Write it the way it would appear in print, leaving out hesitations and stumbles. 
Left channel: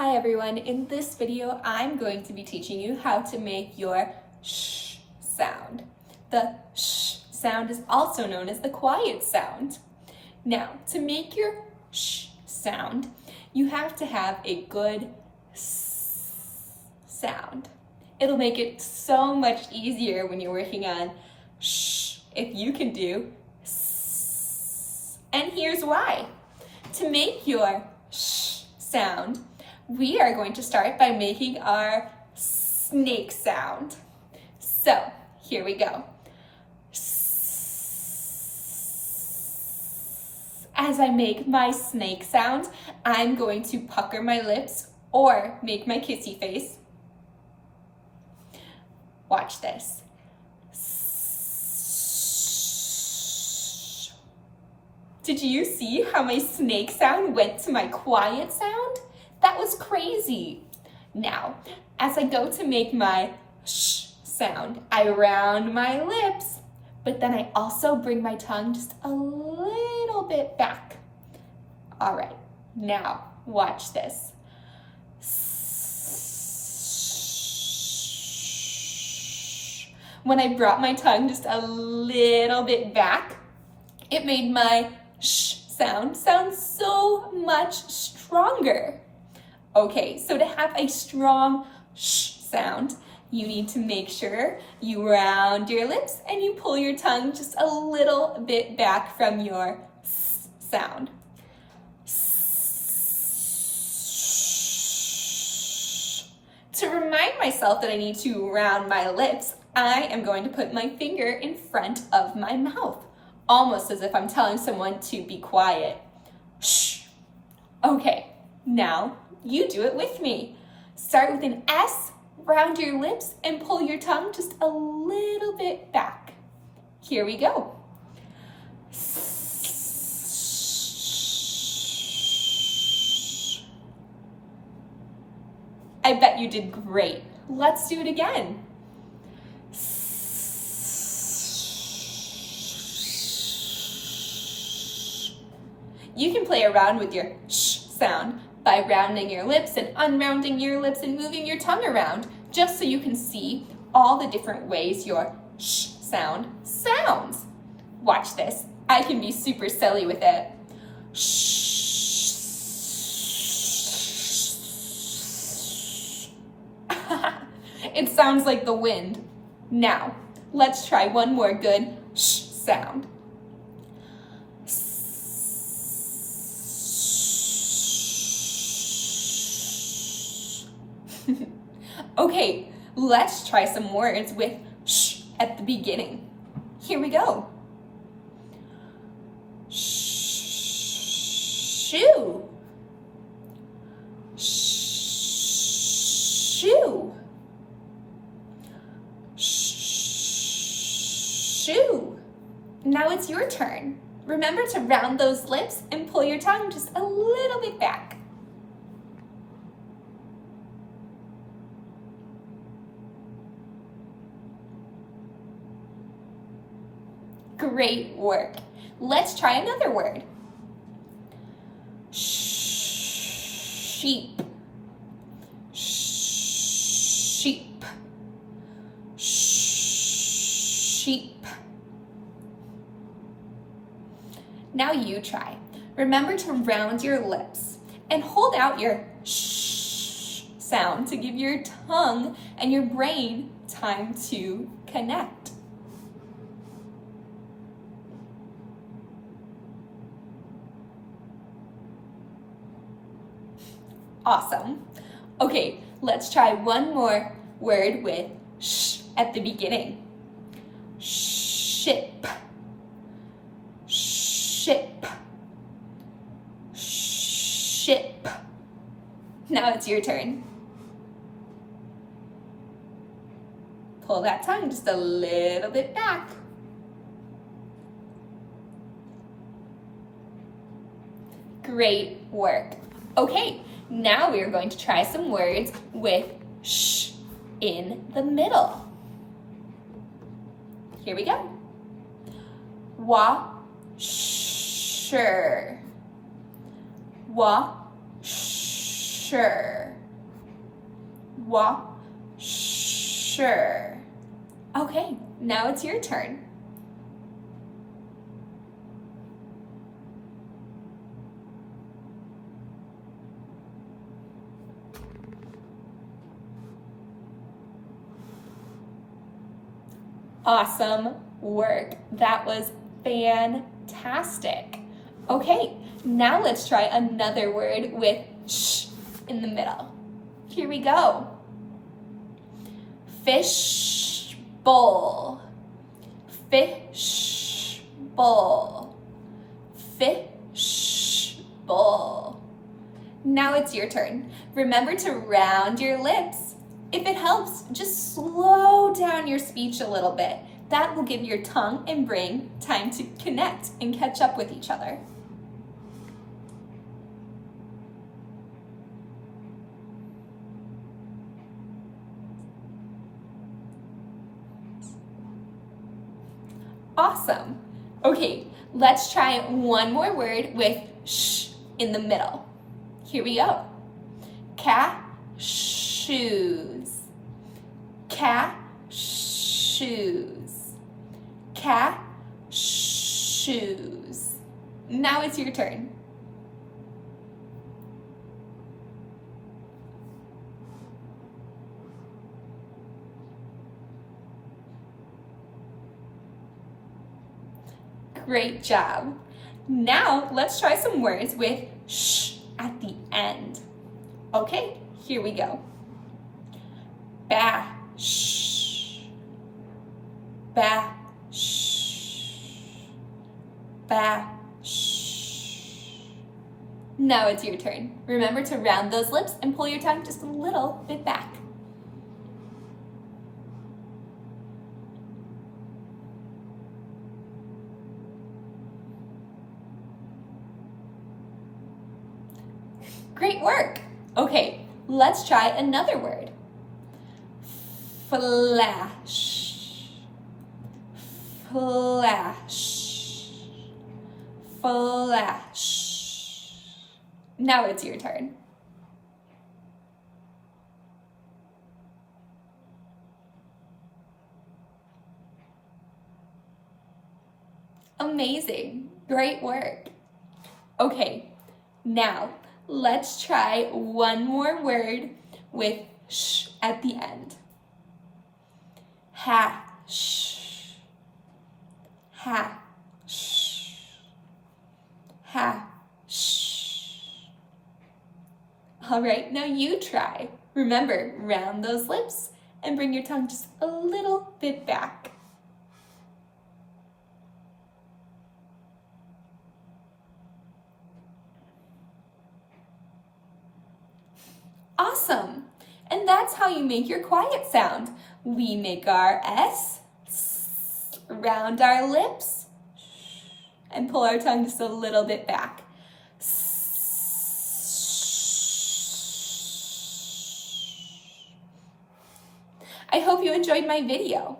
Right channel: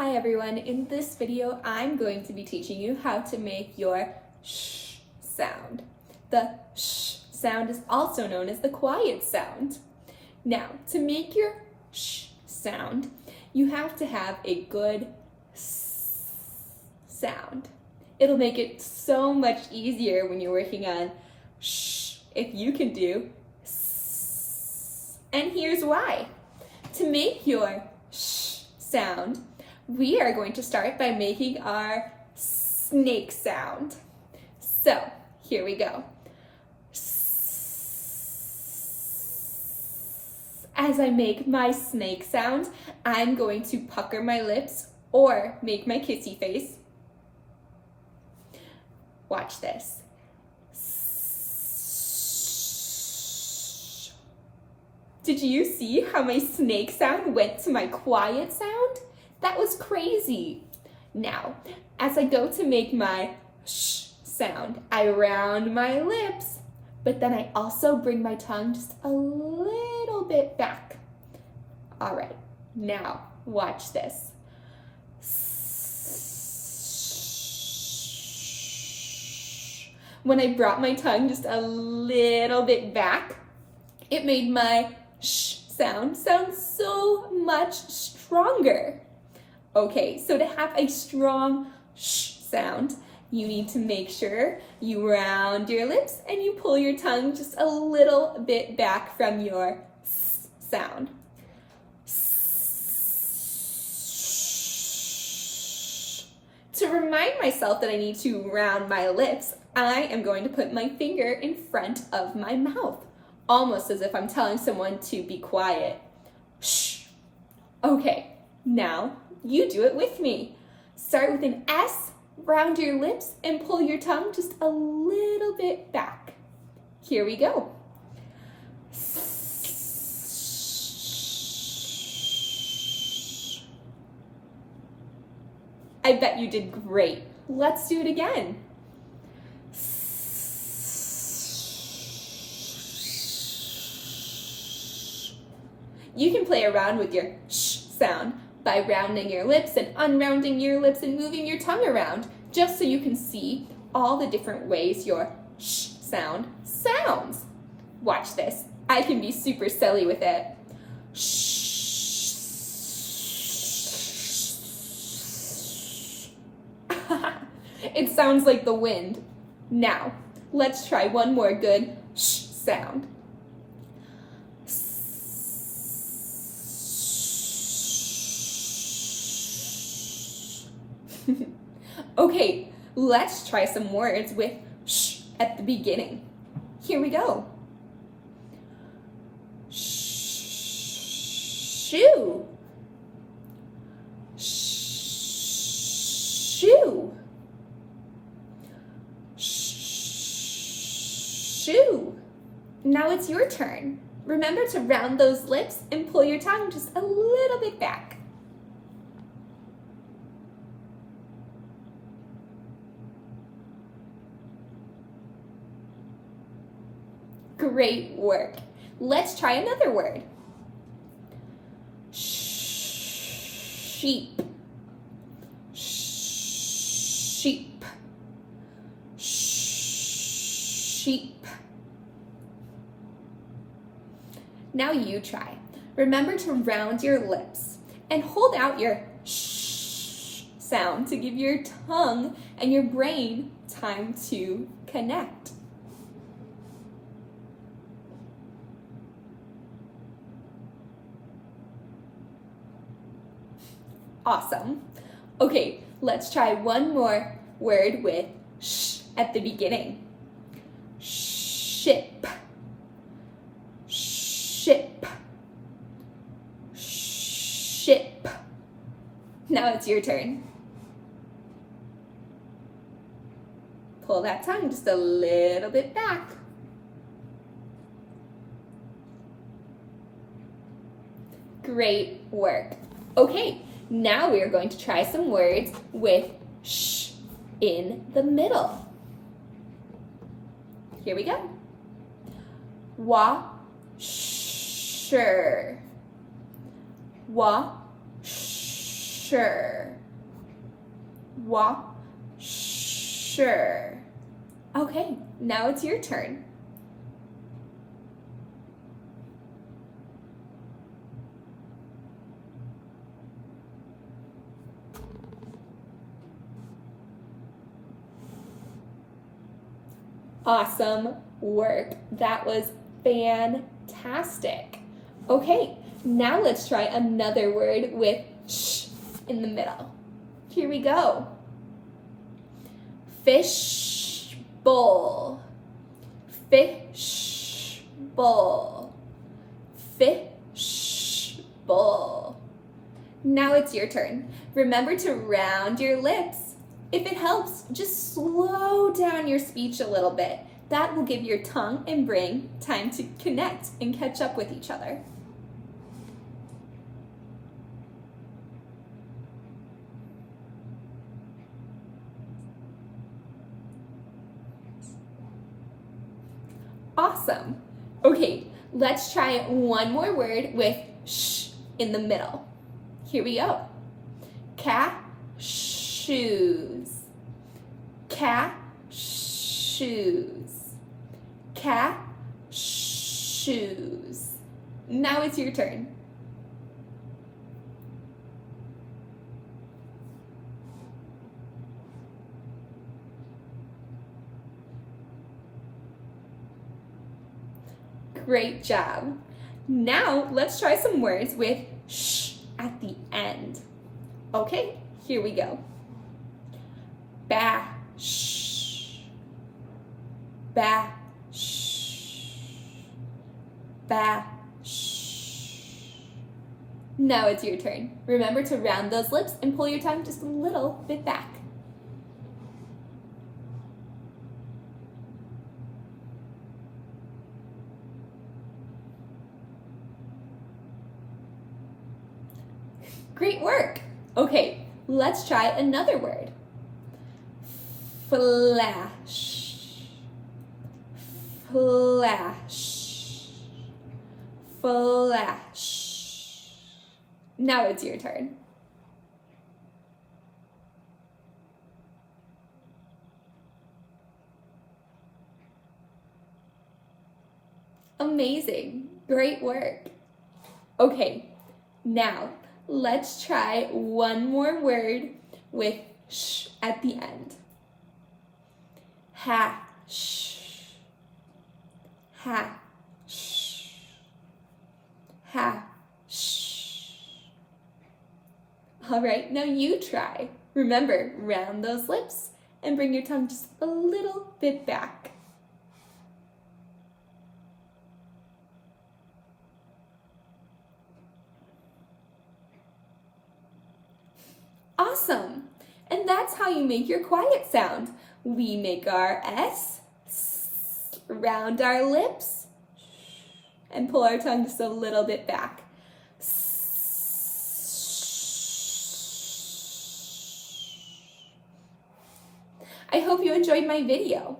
Hi everyone, in this video I'm going to be teaching you how to make your sh sound. The sh sound is also known as the quiet sound. Now, to make your sh sound, you have to have a good s sound. It'll make it so much easier when you're working on sh if you can do s. And here's why. To make your sh sound, we are going to start by making our snake sound. So, here we go. As I make my snake sound, I'm going to pucker my lips or make my kissy face. Watch this. Did you see how my snake sound went to my quiet sound? That was crazy. Now, as I go to make my sh sound, I round my lips, but then I also bring my tongue just a little bit back. All right, now watch this. When I brought my tongue just a little bit back, it made my sh sound so much stronger. Okay, so to have a strong sh sound, you need to make sure you round your lips and you pull your tongue just a little bit back from your s sound. To remind myself that I need to round my lips, I am going to put my finger in front of my mouth, almost as if I'm telling someone to be quiet. Shh. Okay, now you do it with me. Start with an S, round your lips, and pull your tongue just a little bit back. Here we go. I bet you did great. Let's do it again. You can play around with your sh sound by rounding your lips and unrounding your lips and moving your tongue around, just so you can see all the different ways your sh sound sounds. Watch this. I can be super silly with it. Shh. It sounds like the wind. Now, let's try one more good sh sound. Okay, let's try some words with sh at the beginning. Here we go. Shoe. Shoe. Shoe. Now it's your turn. Remember to round those lips and pull your tongue just a little bit back. Great work. Let's try another word. Sheep. Sheep. Sheep. Now you try. Remember to round your lips and hold out your sh sound to give your tongue and your brain time to connect. Awesome. Okay, let's try one more word with sh at the beginning. Ship. Ship. Ship. Now it's your turn. Pull that tongue just a little bit back. Great work. Okay. Now we are going to try some words with sh in the middle. Here we go. Washer. Washer. washer, washer. Okay, now it's your turn. Awesome work. That was fantastic. Okay, now let's try another word with sh in the middle. Here we go. Fish bowl, fish bowl, fish bowl. Now it's your turn. Remember to round your lips. If it helps, just slow down your speech a little bit. That will give your tongue and brain time to connect and catch up with each other. Awesome. Okay, let's try one more word with sh in the middle. Here we go. Cashews, cashews, cashews. Now it's your turn. Great job. Now let's try some words with sh at the end. Okay, here we go. Bash, bash, bash. Now it's your turn. Remember to round those lips and pull your tongue just a little bit back. Great work. Okay, let's try another word. Flash, flash, flash. Now it's your turn. Amazing. Great work. Okay, now let's try one more word with sh at the end. Hash, hash, hash. All right, now you try. Remember, round those lips and bring your tongue just a little bit back. Awesome! And that's how you make your quiet sound. We make our S, round our lips, and pull our tongue just a little bit back. I hope you enjoyed my video.